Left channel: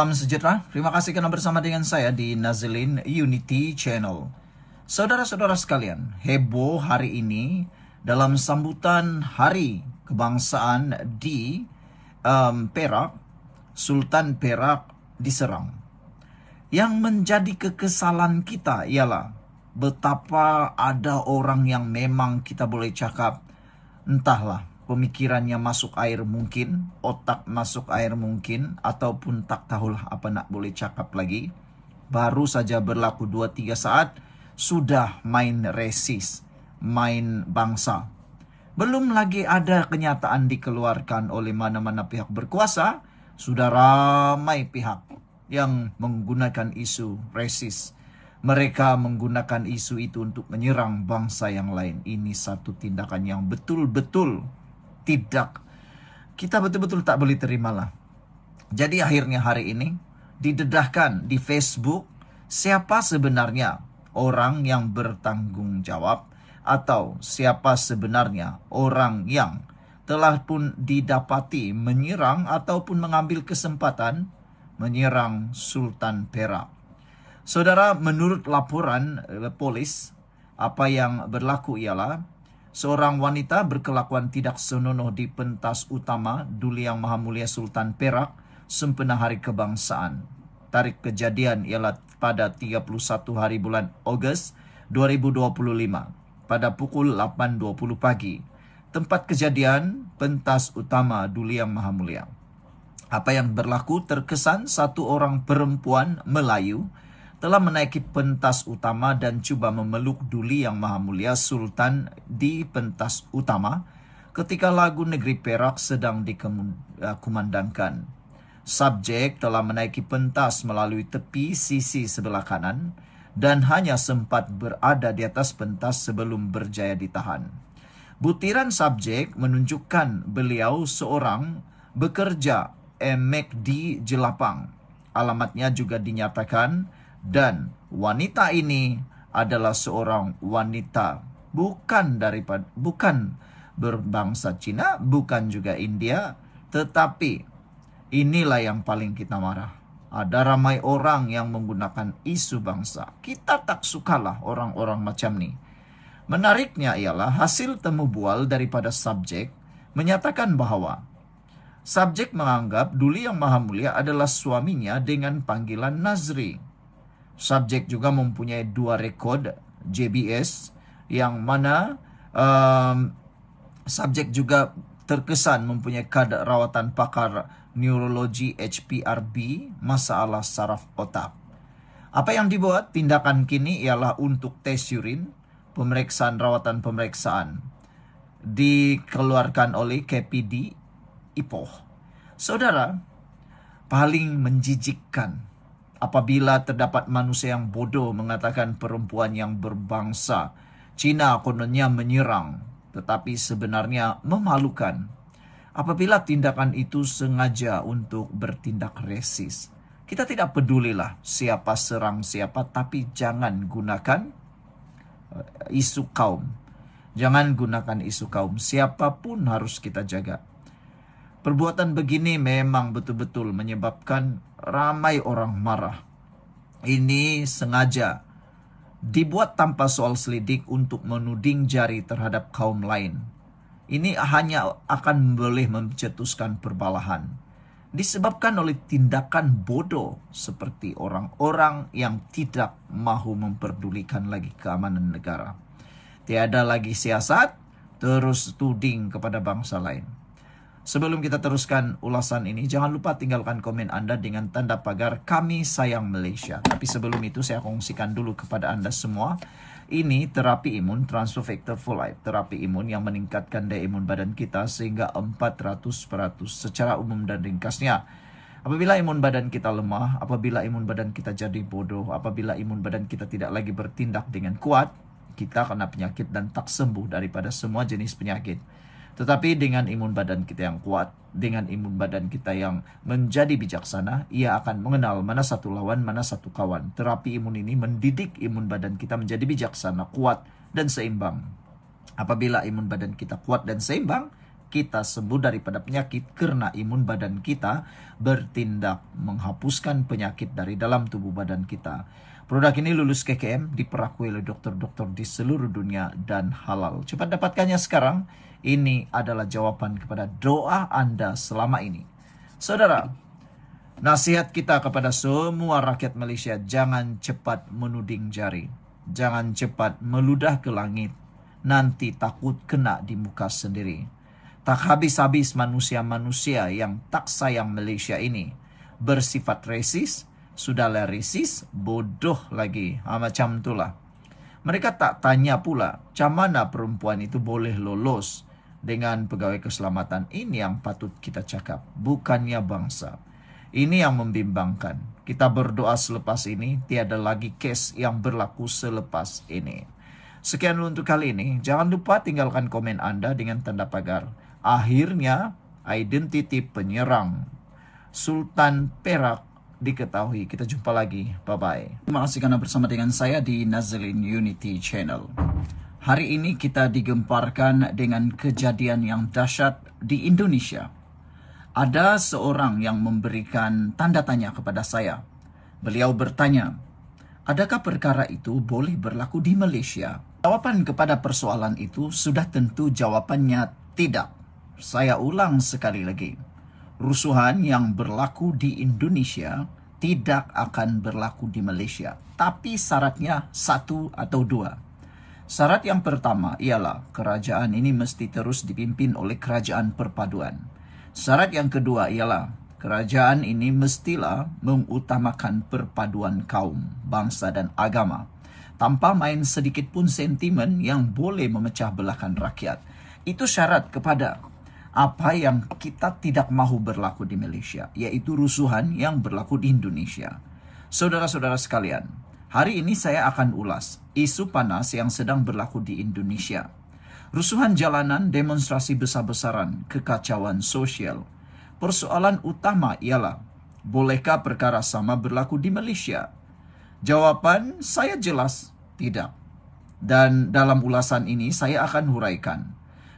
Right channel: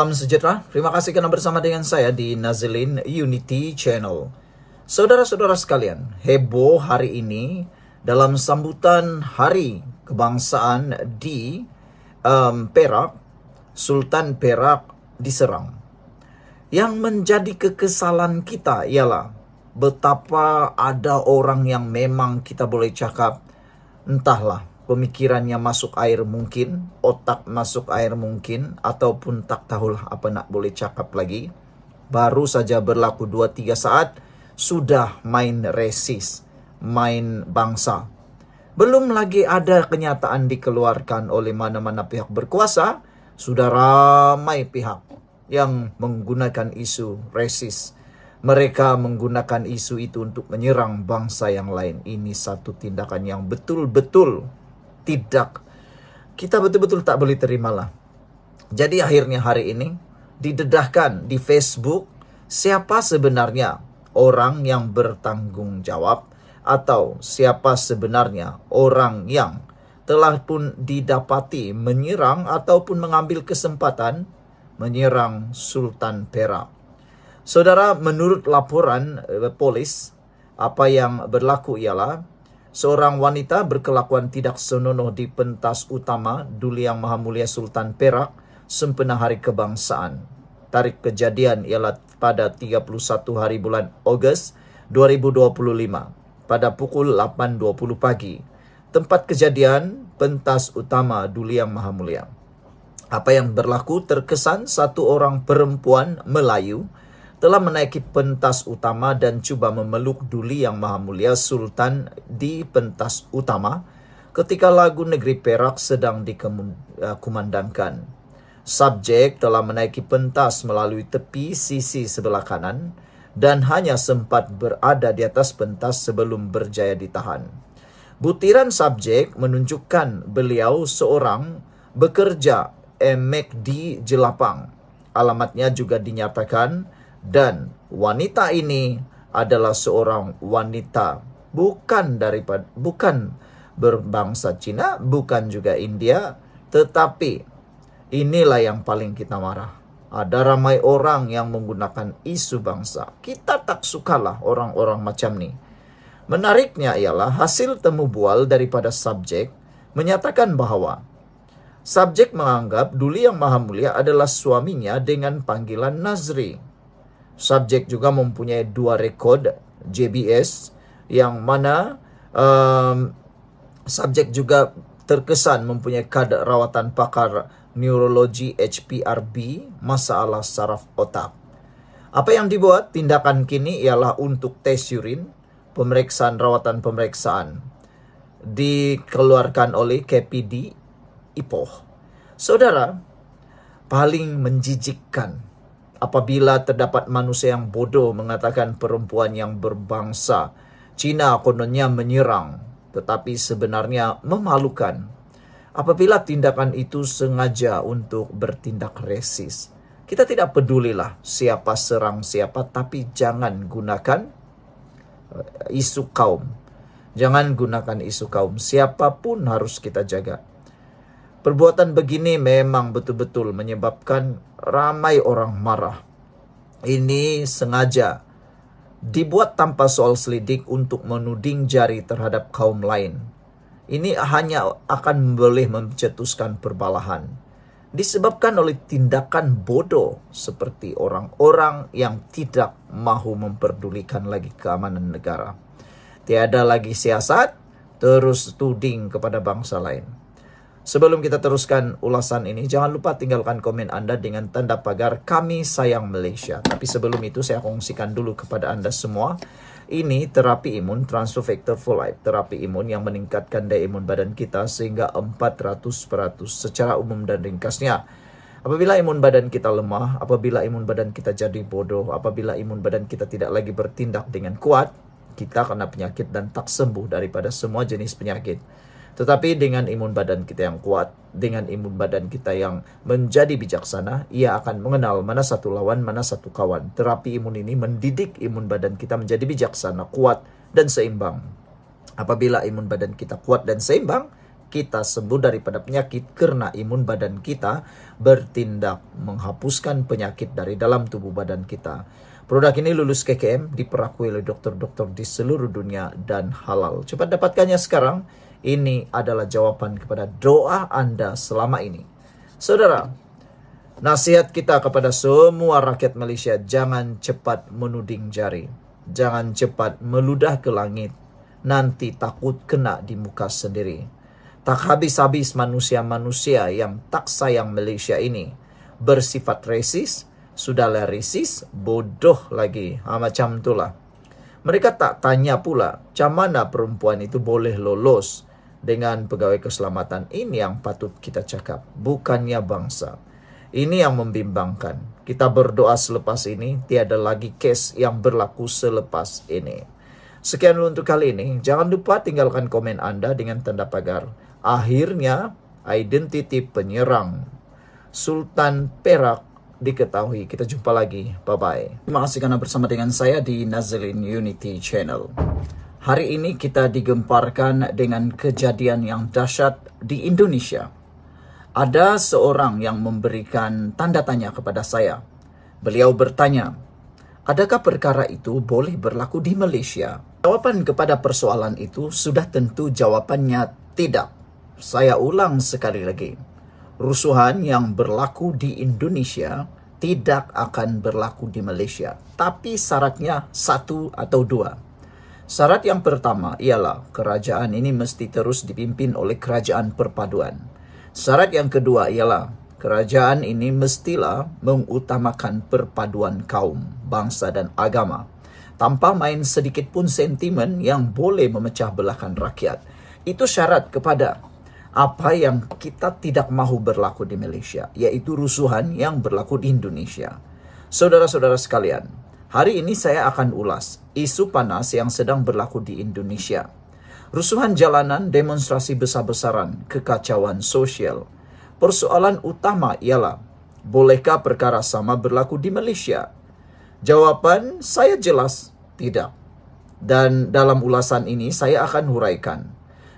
Salam sejahtera, terima kasih karena bersama dengan saya di Nazilin Unity Channel. Saudara-saudara sekalian, heboh hari ini dalam sambutan Hari Kebangsaan di Perak, Sultan Perak diserang. Yang menjadi kekesalan kita ialah betapa ada orang yang memang kita boleh cakap, entahlah, pemikirannya masuk air mungkin, otak masuk air mungkin, ataupun tak tahulah apa nak boleh cakap lagi. Baru saja berlaku 2-3 saat, sudah main resis, main bangsa. Belum lagi ada kenyataan dikeluarkan oleh mana-mana pihak berkuasa, sudah ramai pihak yang menggunakan isu resis. Mereka menggunakan isu itu untuk menyerang bangsa yang lain. Ini satu tindakan yang betul-betul kita betul-betul tak boleh terimalah. Jadi akhirnya hari ini didedahkan di Facebook siapa sebenarnya orang yang bertanggung jawab atau siapa sebenarnya orang yang telah pun didapati menyerang ataupun mengambil kesempatan menyerang Sultan Perak. Saudara, menurut laporan polis, apa yang berlaku ialah seorang wanita berkelakuan tidak senonoh di pentas utama Duli Yang Maha Mulia Sultan Perak sempena Hari Kebangsaan. Tarikh kejadian ialah pada 31 hari bulan Ogos 2025 pada pukul 8.20 pagi. Tempat kejadian pentas utama Duli Yang Maha Mulia. Apa yang berlaku terkesan satu orang perempuan Melayu telah menaiki pentas utama dan coba memeluk Duli Yang Maha Mulia Sultan di pentas utama ketika lagu Negeri Perak sedang dikumandangkan. Subjek telah menaiki pentas melalui tepi sisi sebelah kanan dan hanya sempat berada di atas pentas sebelum berjaya ditahan. Butiran subjek menunjukkan beliau seorang bekerja McD Jelapang. Alamatnya juga dinyatakan. Dan wanita ini adalah seorang wanita bukan berbangsa Cina, bukan juga India, tetapi inilah yang paling kita marah. Ada ramai orang yang menggunakan isu bangsa. Kita tak sukalah orang-orang macam ni. Menariknya ialah hasil temu bual daripada subjek menyatakan bahawa subjek menganggap Duli Yang Maha Mulia adalah suaminya dengan panggilan Nazri. Subjek juga mempunyai 2 rekod JBS yang mana subjek juga terkesan mempunyai kad rawatan pakar neurologi HPRB masalah saraf otak. Apa yang dibuat tindakan kini ialah untuk tes urin, pemeriksaan rawatan pemeriksaan dikeluarkan oleh KPD Ipoh. Saudara, paling menjijikkan apabila terdapat manusia yang bodoh mengatakan perempuan yang berbangsa Cina kononnya menyerang, tetapi sebenarnya memalukan. Apabila tindakan itu sengaja untuk bertindak resis, kita tidak pedulilah siapa serang siapa, tapi jangan gunakan isu kaum. Jangan gunakan isu kaum. Siapapun harus kita jaga. Perbuatan begini memang betul-betul menyebabkan ramai orang marah. Ini sengaja dibuat tanpa soal selidik untuk menuding jari terhadap kaum lain. Ini hanya akan boleh mencetuskan perbalahan. Disebabkan oleh tindakan bodoh seperti orang-orang yang tidak mahu memperdulikan lagi keamanan negara. Tiada lagi siasat, terus tuding kepada bangsa lain. Sebelum kita teruskan ulasan ini, jangan lupa tinggalkan komen Anda dengan tanda pagar Kami Sayang Malaysia. Tapi sebelum itu saya kongsikan dulu kepada Anda semua. Ini terapi imun Transfer Factor for Life. Terapi imun yang meningkatkan daya imun badan kita sehingga 400% secara umum dan ringkasnya. Apabila imun badan kita lemah, apabila imun badan kita jadi bodoh, apabila imun badan kita tidak lagi bertindak dengan kuat, kita kena penyakit dan tak sembuh daripada semua jenis penyakit. Tetapi dengan imun badan kita yang kuat, dengan imun badan kita yang menjadi bijaksana, ia akan mengenal mana satu lawan, mana satu kawan. Terapi imun ini mendidik imun badan kita menjadi bijaksana, kuat, dan seimbang. Apabila imun badan kita kuat dan seimbang, kita sembuh daripada penyakit karena imun badan kita bertindak menghapuskan penyakit dari dalam tubuh badan kita. Produk ini lulus KKM, diperakui oleh dokter-dokter di seluruh dunia dan halal. Cepat dapatkannya sekarang. Ini adalah jawaban kepada doa Anda selama ini. Saudara, nasihat kita kepada semua rakyat Malaysia, jangan cepat menuding jari. Jangan cepat meludah ke langit. Nanti takut kena di muka sendiri. Tak habis-habis manusia-manusia yang tak sayang Malaysia ini bersifat resis, sudahlah resis, bodoh lagi. Macam itulah. Mereka tak tanya pula, macam mana perempuan itu boleh lolos dengan pegawai keselamatan. Ini yang patut kita cakap, bukannya bangsa. Ini yang membimbangkan. Kita berdoa selepas ini, tiada lagi kes yang berlaku selepas ini. Sekian dulu untuk kali ini. Jangan lupa tinggalkan komen Anda dengan tanda pagar. Akhirnya, identiti penyerang Sultan Perak diketahui. Kita jumpa lagi. Bye-bye. Terima kasih karena bersama dengan saya di Nazilin Unity Channel. Hari ini kita digemparkan dengan kejadian yang dahsyat di Indonesia. Ada seorang yang memberikan tanda tanya kepada saya. Beliau bertanya, adakah perkara itu boleh berlaku di Malaysia? Jawaban kepada persoalan itu sudah tentu jawabannya tidak. Saya ulang sekali lagi. Rusuhan yang berlaku di Indonesia tidak akan berlaku di Malaysia. Tapi syaratnya satu atau dua. Syarat yang pertama ialah kerajaan ini mesti terus dipimpin oleh kerajaan perpaduan. Syarat yang kedua ialah kerajaan ini mestilah mengutamakan perpaduan kaum, bangsa dan agama. Tanpa main sedikit pun sentimen yang boleh memecah belahkan rakyat. Itu syarat kepada apa yang kita tidak mahu berlaku di Malaysia, yaitu rusuhan yang berlaku di Indonesia. Saudara-saudara sekalian, hari ini saya akan ulas isu panas yang sedang berlaku di Indonesia. Rusuhan jalanan, demonstrasi besar-besaran, kekacauan sosial. Persoalan utama ialah, bolehkah perkara sama berlaku di Malaysia? Jawaban saya jelas, tidak. Dan dalam ulasan ini saya akan huraikan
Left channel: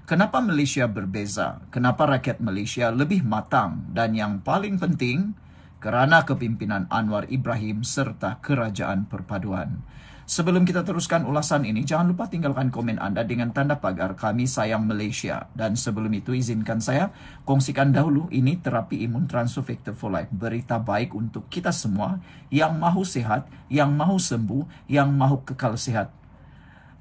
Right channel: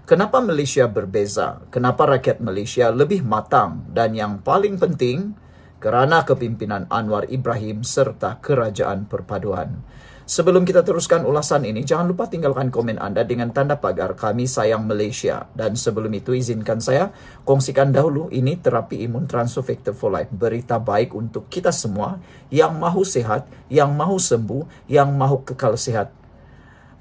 kenapa Malaysia berbeza, kenapa rakyat Malaysia lebih matang, dan yang paling penting, kerana kepimpinan Anwar Ibrahim serta kerajaan perpaduan. Sebelum kita teruskan ulasan ini, jangan lupa tinggalkan komen Anda dengan tanda pagar Kami Sayang Malaysia. Dan sebelum itu, izinkan saya kongsikan dahulu ini terapi imun Transofector for Life. Berita baik untuk kita semua yang mahu sehat, yang mahu sembuh, yang mahu kekal sehat.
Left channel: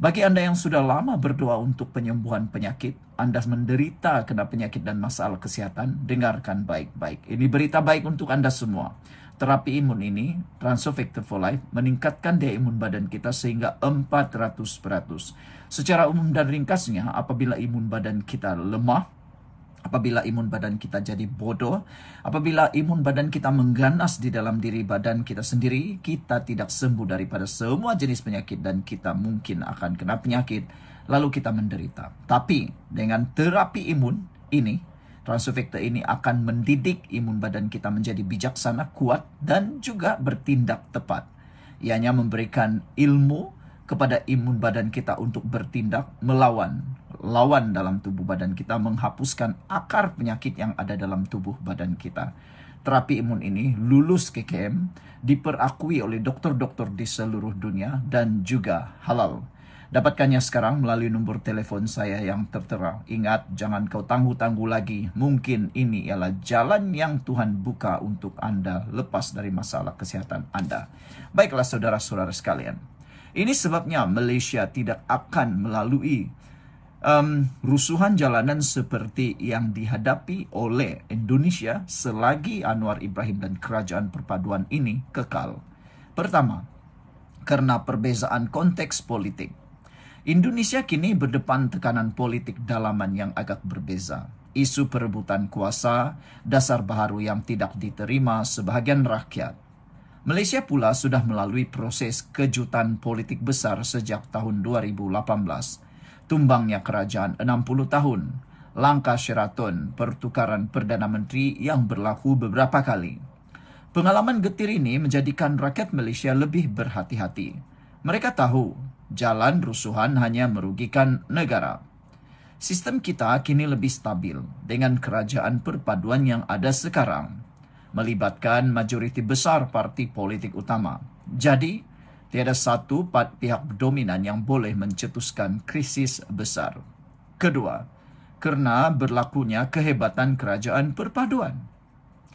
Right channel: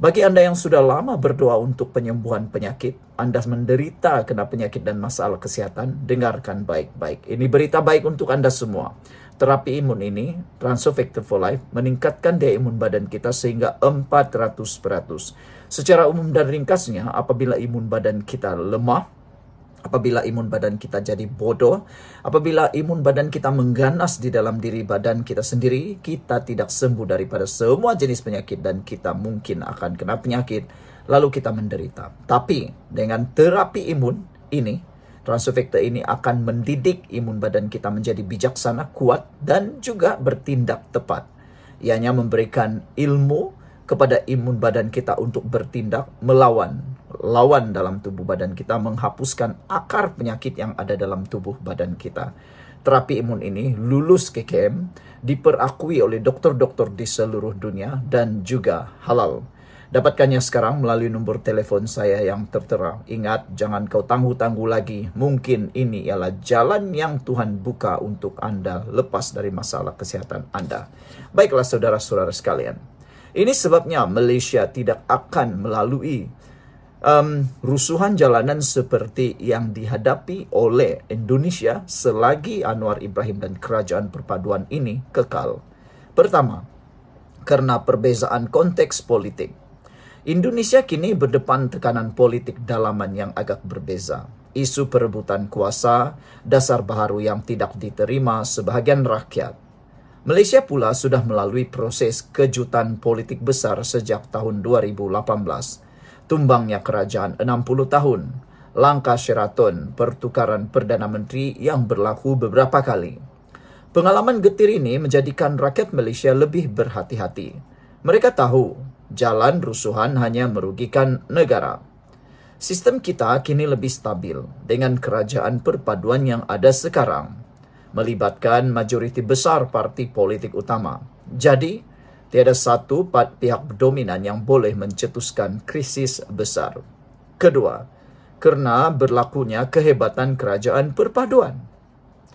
Bagi Anda yang sudah lama berdoa untuk penyembuhan penyakit, Anda menderita kena penyakit dan masalah kesehatan, dengarkan baik-baik. Ini berita baik untuk Anda semua. Terapi imun ini, Transofector for Life, meningkatkan daya imun badan kita sehingga 400%. Secara umum dan ringkasnya, apabila imun badan kita lemah, apabila imun badan kita jadi bodoh, apabila imun badan kita mengganas di dalam diri badan kita sendiri, kita tidak sembuh daripada semua jenis penyakit dan kita mungkin akan kena penyakit, lalu kita menderita. Tapi dengan terapi imun ini, Transofector ini akan mendidik imun badan kita menjadi bijaksana, kuat, dan juga bertindak tepat. Ianya memberikan ilmu kepada imun badan kita untuk bertindak melawan dalam tubuh badan kita, menghapuskan akar penyakit yang ada dalam tubuh badan kita. Terapi imun ini lulus KKM, diperakui oleh dokter-dokter di seluruh dunia, dan juga halal. Dapatkannya sekarang melalui nombor telepon saya yang tertera. Ingat, jangan kau tangguh-tangguh lagi. Mungkin ini ialah jalan yang Tuhan buka untuk Anda lepas dari masalah kesehatan Anda. Baiklah saudara-saudara sekalian. Ini sebabnya Malaysia tidak akan melalui rusuhan jalanan seperti yang dihadapi oleh Indonesia selagi Anwar Ibrahim dan kerajaan perpaduan ini kekal. Pertama, karena perbezaan konteks politik. Indonesia kini berdepan tekanan politik dalaman yang agak berbeza. Isu perebutan kuasa, dasar baharu yang tidak diterima sebahagian rakyat. Malaysia pula sudah melalui proses kejutan politik besar sejak tahun 2018. Tumbangnya kerajaan 60 tahun. Langkah Sheraton, pertukaran Perdana Menteri yang berlaku beberapa kali. Pengalaman getir ini menjadikan rakyat Malaysia lebih berhati-hati. Mereka tahu jalan rusuhan hanya merugikan negara. Sistem kita kini lebih stabil dengan kerajaan perpaduan yang ada sekarang, melibatkan majoriti besar parti politik utama. Jadi, tiada satu pihak dominan yang boleh mencetuskan krisis besar. Kedua, karena berlakunya kehebatan kerajaan perpaduan.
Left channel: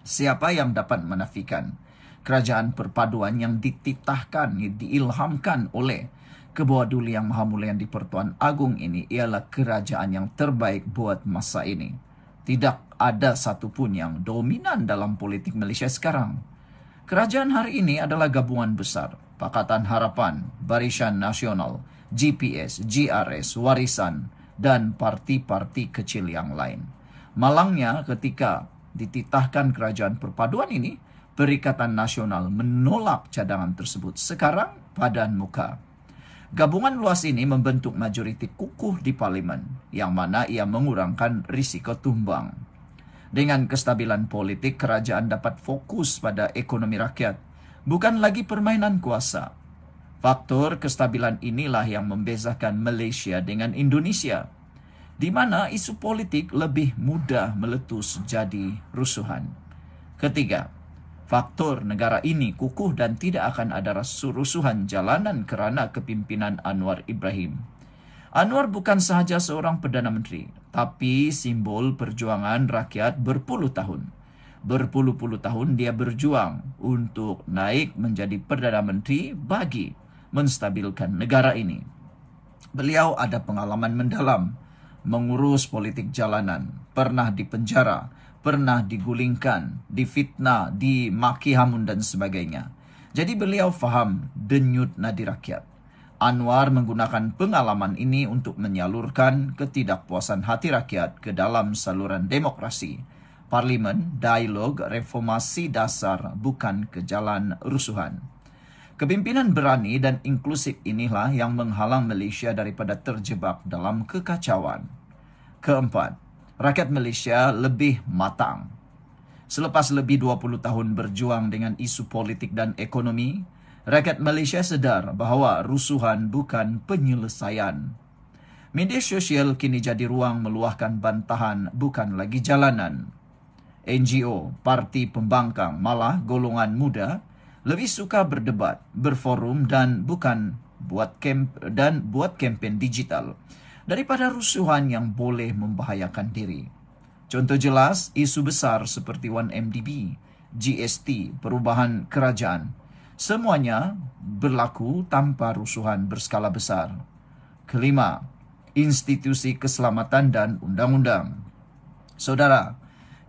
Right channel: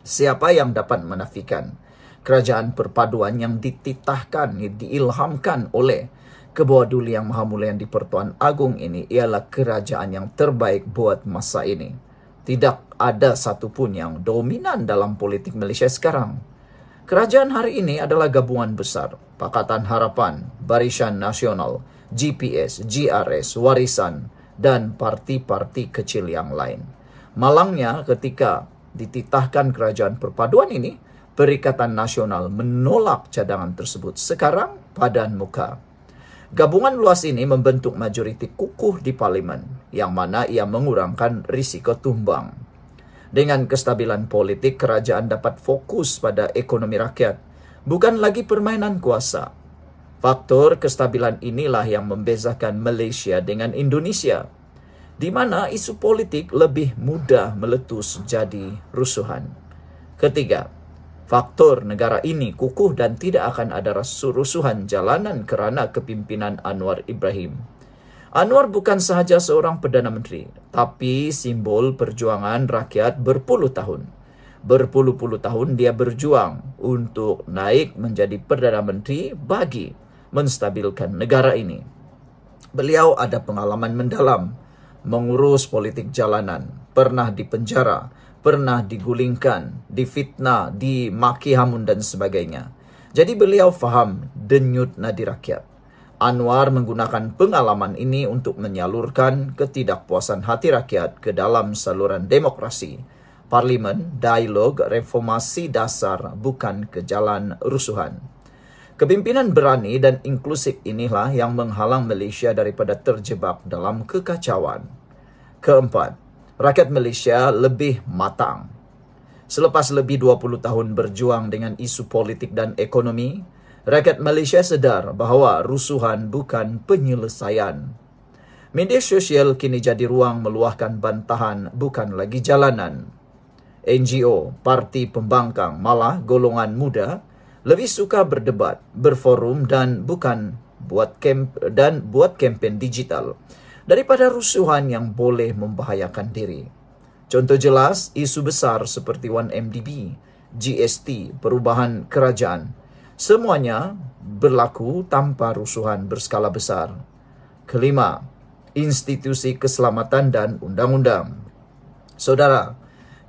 Siapa yang dapat menafikan kerajaan perpaduan yang dititahkan, diilhamkan oleh Kebawa Duli Yang Maha Mulia yang di-Pertuan Agong ini ialah kerajaan yang terbaik buat masa ini. Tidak ada satupun yang dominan dalam politik Malaysia sekarang. Kerajaan hari ini adalah gabungan besar, Pakatan Harapan, Barisan Nasional, GPS, GRS, Warisan, dan parti-parti kecil yang lain. Malangnya ketika dititahkan kerajaan perpaduan ini, Perikatan Nasional menolak cadangan tersebut sekarang padan muka. Gabungan luas ini membentuk majoriti kukuh di parlimen, yang mana ia mengurangkan risiko tumbang. Dengan kestabilan politik, kerajaan dapat fokus pada ekonomi rakyat, bukan lagi permainan kuasa. Faktor kestabilan inilah yang membezakan Malaysia dengan Indonesia, di mana isu politik lebih mudah meletus jadi rusuhan. Ketiga, faktor negara ini kukuh dan tidak akan ada rusuhan jalanan kerana kepimpinan Anwar Ibrahim. Anwar bukan sahaja seorang Perdana Menteri, tapi simbol perjuangan rakyat berpuluh tahun. Berpuluh-puluh tahun dia berjuang untuk naik menjadi Perdana Menteri bagi menstabilkan negara ini. Beliau ada pengalaman mendalam mengurus politik jalanan, pernah dipenjara, pernah digulingkan, difitnah, dimaki hamun dan sebagainya. Jadi beliau faham denyut nadi rakyat. Anwar menggunakan pengalaman ini untuk menyalurkan ketidakpuasan hati rakyat ke dalam saluran demokrasi, parlimen, dialog, reformasi dasar, bukan ke jalan rusuhan. Kepimpinan berani dan inklusif inilah yang menghalang Malaysia daripada terjebak dalam kekacauan. Keempat, rakyat Malaysia lebih matang. Selepas lebih 20 tahun berjuang dengan isu politik dan ekonomi, rakyat Malaysia sedar bahawa rusuhan bukan penyelesaian. Media sosial kini jadi ruang meluahkan bantahan, bukan lagi jalanan. NGO, parti pembangkang, malah golongan muda lebih suka berdebat, berforum dan buat kempen digital daripada rusuhan yang boleh membahayakan diri. Contoh jelas, isu besar seperti 1MDB, GST, perubahan kerajaan, semuanya berlaku tanpa rusuhan berskala besar. Kelima, institusi keselamatan dan undang-undang. Saudara,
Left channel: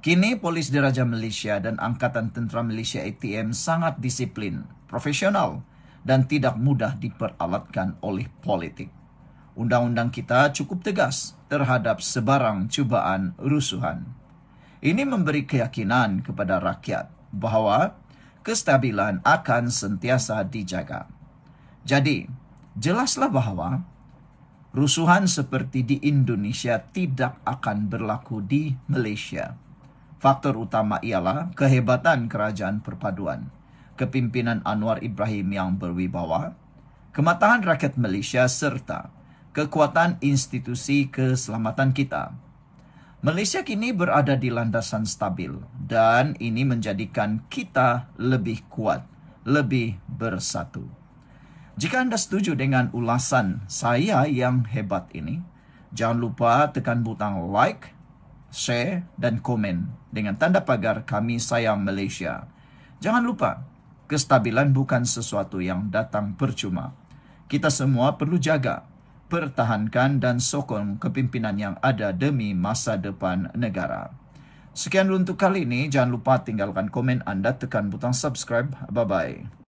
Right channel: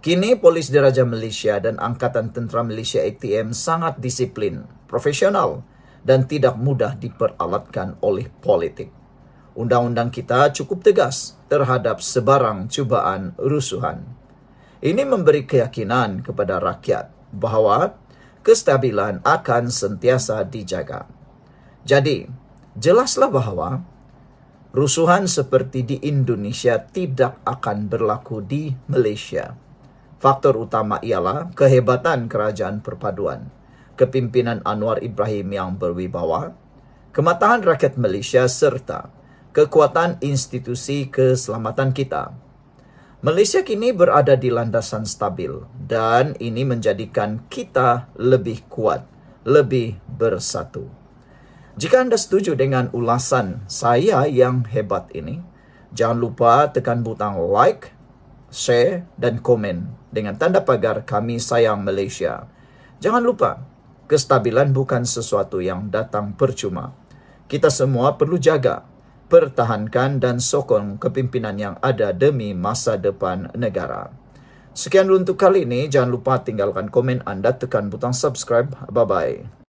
kini Polis Diraja Malaysia dan Angkatan Tentera Malaysia ATM sangat disiplin, profesional, dan tidak mudah diperalatkan oleh politik. Undang-undang kita cukup tegas terhadap sebarang cubaan rusuhan. Ini memberi keyakinan kepada rakyat bahawa kestabilan akan sentiasa dijaga. Jadi, jelaslah bahawa rusuhan seperti di Indonesia tidak akan berlaku di Malaysia. Faktor utama ialah kehebatan kerajaan perpaduan, kepimpinan Anwar Ibrahim yang berwibawa, kematangan rakyat Malaysia serta kekuatan institusi keselamatan kita. Malaysia kini berada di landasan stabil dan ini menjadikan kita lebih kuat, lebih bersatu. Jika anda setuju dengan ulasan saya yang hebat ini, jangan lupa tekan butang like, share dan komen dengan tanda pagar Kami Sayang Malaysia. Jangan lupa, kestabilan bukan sesuatu yang datang percuma. Kita semua perlu jaga, pertahankan dan sokong kepimpinan yang ada demi masa depan negara. Sekian dulu untuk kali ini. Jangan lupa tinggalkan komen anda, tekan butang subscribe. Bye-bye.